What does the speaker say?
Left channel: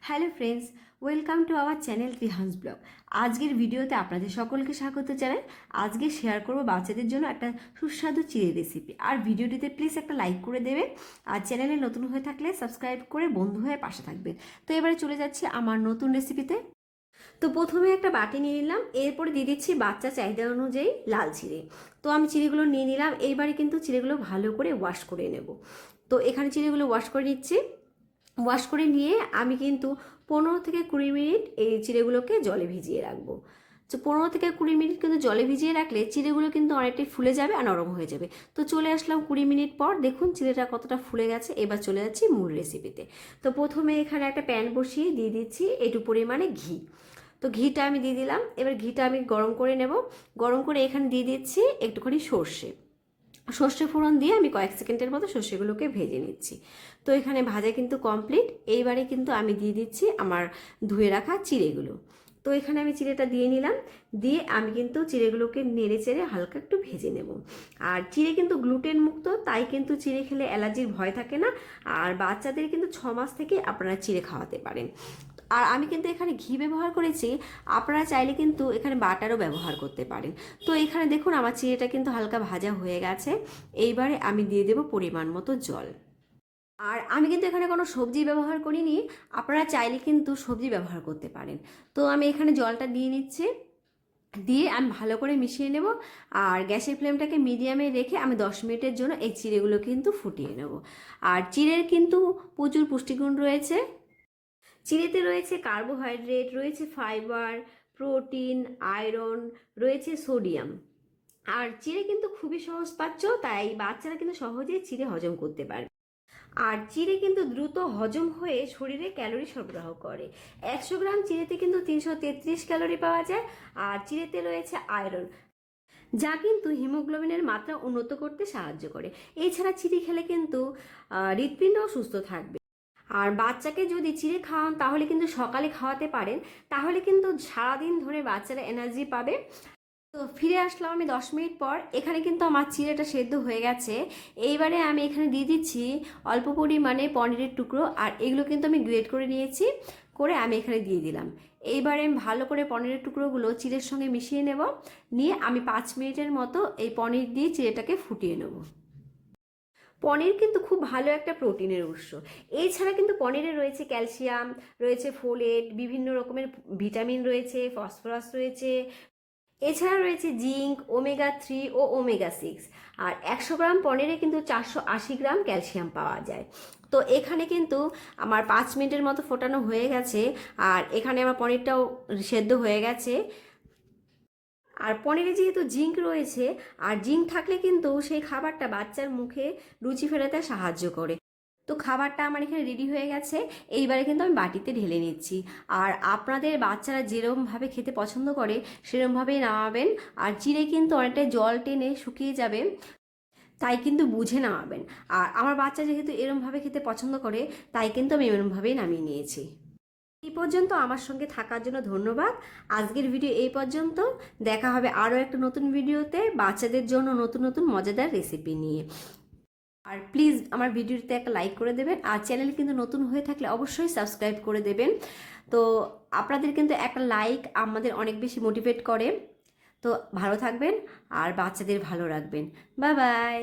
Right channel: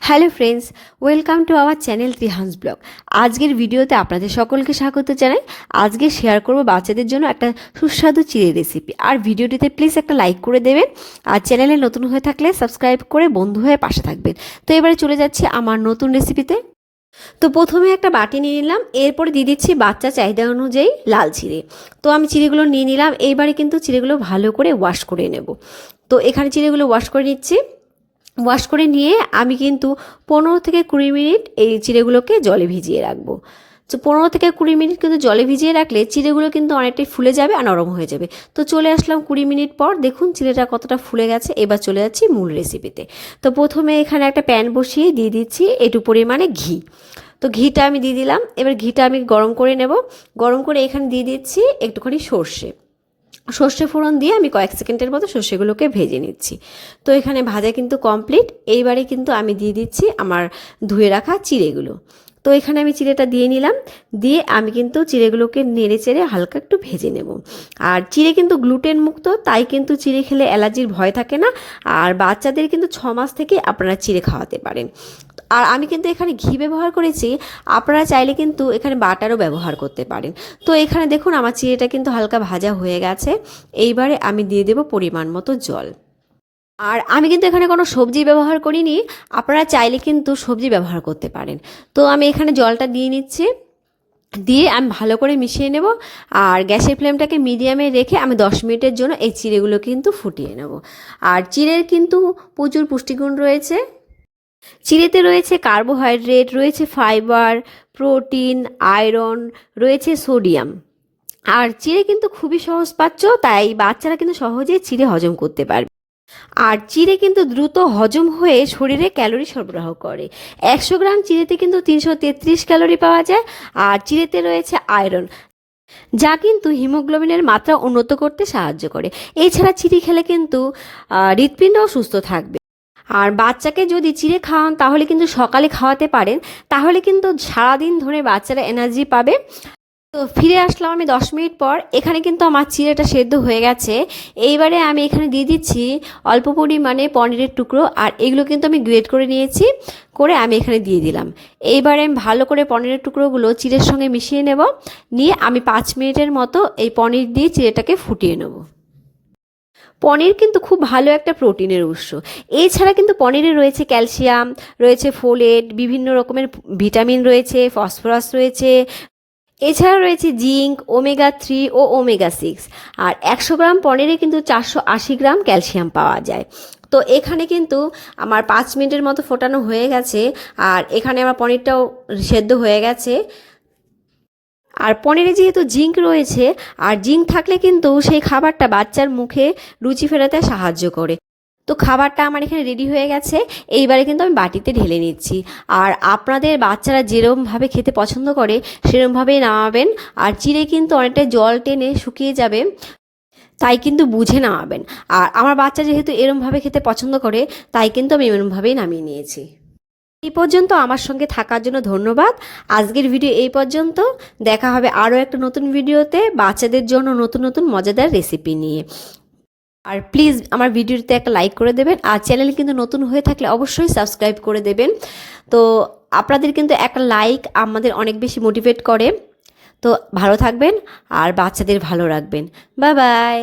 Hello friends, welcome to our channel রিহান্স blog. আজকের ভিডিওতে আপনাদের সকলকে স্বাগত জানাই। আজকে শেয়ার করব বাচ্চাদের জন্য একটা সুস্বাদু চিড়ে রেসিপি। আর ভিডিওটিতে প্লিজ একটা লাইক করে দেবেন, আর চ্যানেলে নতুন হয়ে থাকলে সাবস্ক্রাইব করে বন্ধু হয়ে পাশে থাকবেন। তো এবারে চলে যাচ্ছি আমার নতুন রেসিপিতে। তো প্রথমে একটা বাটি নিয়ে নিলাম, এরপরে দিয়ে দিচ্ছি বাচ্চা চাহিদা অনুযায়ী লাল চিড়ে। তো আমি চিড়েগুলো নিয়ে নিলাম। এইবারে কিন্তু চিড়েগুলো ভালো করে ওয়াশ করে নেব। তো এখানে চিড়েগুলো ওয়াশ করে নিচ্ছি। ওয়াশ করে নিয়ে আমি কিন্তু 15 থেকে 20 মিনিট এই চিড়েগুলোকে জলে ভিজিয়ে রাখবো। তো 15 থেকে 20 মিনিট কিন্তু জলে ভিজিয়ে রাখলে চিড়েগুলো কিন্তু অনেকটাই ফুলে যাবে আর নরম হয়ে যাবে। তো চলে আসলাম 20 মিনিট পর, দেখুন চিড়েটা কতটা ফুলে গেছে। এবার চলে যাচ্ছি মূল রেসিপিতে। তো প্রথমে এখানে একটা প্যান বসিয়ে দিয়ে দিচ্ছি একটু পরিমাণে ঘি। তো ঘিটা আমি দিয়ে দিলাম। এবার ঘিটা আমি গরম করে নেব। গরম করে এখানে দিয়ে দিচ্ছি একটুখানি সর্ষে ফোড়ন দিয়ে আমি কয়েক সেকেন্ডের মতো সর্ষেগুলোকে ভেজে নিচ্ছি। তো এখানে ভাজা কিন্তু কমপ্লিট। এইবারে কিন্তু আমি দিয়ে দিচ্ছি আমার ধুয়ে রাখা চিড়েগুলো। তো এখানে আমি চিড়েটা দিয়ে নিলাম। দিয়ে আমি কিন্তু চিড়েগুলোকে নেড়ে চেড়ে হালকা একটু ভেজে নেব। আর চিড়ে কিন্তু গ্লুটেন মুক্ত, তাই কিন্তু চিড়ে খেলে অ্যালার্জির ভয় থাকে না। আর বাচ্চাদের কিন্তু 6 মাস থেকে আপনারা চিড়ে খাওয়াতে পারেন। আর আমি কিন্তু এখানে ঘি ব্যবহার করেছি, আপনারা চাইলে কিন্তু এখানে বাটারও ব্যবহার করতে পারেন। তো এখানে দেখুন আমার চিড়েটা কিন্তু হালকা ভাজা হয়ে গেছে। এইবারে আমি দিয়ে দেব পরিমাণ মতো জল। আর আমি কিন্তু এখানে কোনো সবজি ব্যবহার করিনি, আপনারা চাইলে কিন্তু সবজি ব্যবহার করতে পারেন। তো আমি এখানে জলটা দিয়ে নিচ্ছি। দিয়ে আমি ভালো করে মিশিয়ে নেব। আর গ্যাসের ফ্লেমটাকে মিডিয়ামে রেখে আমি 10 মিনিটের জন্য এই চিড়েগুলো কিন্তু ফুটিয়ে নেব। আর চিড়ের কিন্তু প্রচুর পুষ্টিগুণ রয়েছে। চিড়েতে রয়েছে কার্বোহাইড্রেট, রয়েছে ফাইবার, প্রোটিন, আয়রন, রয়েছে সোডিয়াম। আর চিড়ে কিন্তু খুবই সহজপাচ্য, তাই বাচ্চারা কিন্তু সহজেই চিড়ে হজম করতে পারবে। আর চিড়ে কিন্তু দ্রুত হজম হয়ে শরীরে ক্যালোরি সরবরাহ করে। 100 গ্রাম চিড়েতে কিন্তু 333 ক্যালোরি পাওয়া যায়। আর চিড়েতে রয়েছে আয়রন, যা কিন্তু হিমোগ্লোবিনের মাত্রা উন্নত করতে সাহায্য করে। এছাড়া চিড়ে খেলে কিন্তু হৃৎপিণ্ডও সুস্থ থাকবে। আর বাচ্চাকে যদি চিড়ে খাওয়ান তাহলে কিন্তু সকালে খাওয়াতে পারেন, তাহলে কিন্তু সারাদিন ধরে বাচ্চারা এনার্জি পাবে। তো ফিরে আসলাম আমি 10 মিনিট পর। এখানে কিন্তু আমার চিড়েটা সেদ্ধ হয়ে গেছে। এইবারে আমি এখানে দিয়ে দিচ্ছি অল্প পরিমাণে পনিরের টুকরো। আর এগুলো কিন্তু আমি গ্রেট করে নিয়েছি, করে আমি এখানে দিয়ে দিলাম। এইবারে আমি ভালো করে পনিরের টুকরোগুলো চিড়ের সঙ্গে মিশিয়ে নেব। নিয়ে আমি 5 মিনিটের মতো এই পনির দিয়ে চিড়েটাকে ফুটিয়ে নেব। পনির কিন্তু খুব ভালো একটা প্রোটিনের উৎস। এছাড়া কিন্তু পনিরে রয়েছে ক্যালসিয়াম, রয়েছে ফোলেট, বিভিন্ন রকমের ভিটামিন রয়েছে, ফসফরাস রয়েছে। এছাড়া রয়েছে জিঙ্ক, ওমেগা 3 ও ওমেগা 6। আর 100 গ্রাম পনিরে কিন্তু 480 গ্রাম ক্যালসিয়াম পাওয়া যায়। তো এখানে কিন্তু আমার 5 মিনিটের মতো ফোটানো হয়ে গেছে। আর এখানে আমার পনিরটাও সেদ্ধ হয়ে গেছে। আর পনিরে যেহেতু জিঙ্ক রয়েছে, আর জিঙ্ক থাকলে কিন্তু সেই খাবারটা বাচ্চার মুখে রুচি ফেরাতে সাহায্য করে। তো খাবারটা আমার এখানে রেডি হয়ে গেছে। এইবারে কিন্তু আমি বাটিতে ঢেলে নিচ্ছি। আর আপনাদের বাচ্চারা যেরমভাবে খেতে পছন্দ করে সেরমভাবেই নামাবেন। আর চিড়ে কিন্তু অনেকটা জল টেনে শুকিয়ে যাবে, তাই কিন্তু বুঝে নামাবেন। আর আমার বাচ্চা যেহেতু এরমভাবে খেতে পছন্দ করে, তাই কিন্তু আমি এরমভাবেই নামিয়ে নিয়েছি। এই পর্যন্ত আমার সঙ্গে থাকার জন্য ধন্যবাদ। আজকের ভিডিও এই পর্যন্ত। দেখা হবে আরও একটা নতুন ভিডিওতে বাচ্চাদের জন্য নতুন নতুন মজাদার রেসিপি নিয়ে। আর প্লিজ আমার ভিডিওতে একটা লাইক করে দেবেন। আর চ্যানেল কিন্তু নতুন হয়ে থাকলে অবশ্যই সাবস্ক্রাইব করে দেবেন। তো আপনাদের কিন্তু একটা লাইক আমাদের অনেক বেশি মোটিভেট করে। তো ভালো থাকবেন আর বাচ্চাদের ভালো রাখবেন। Bye bye.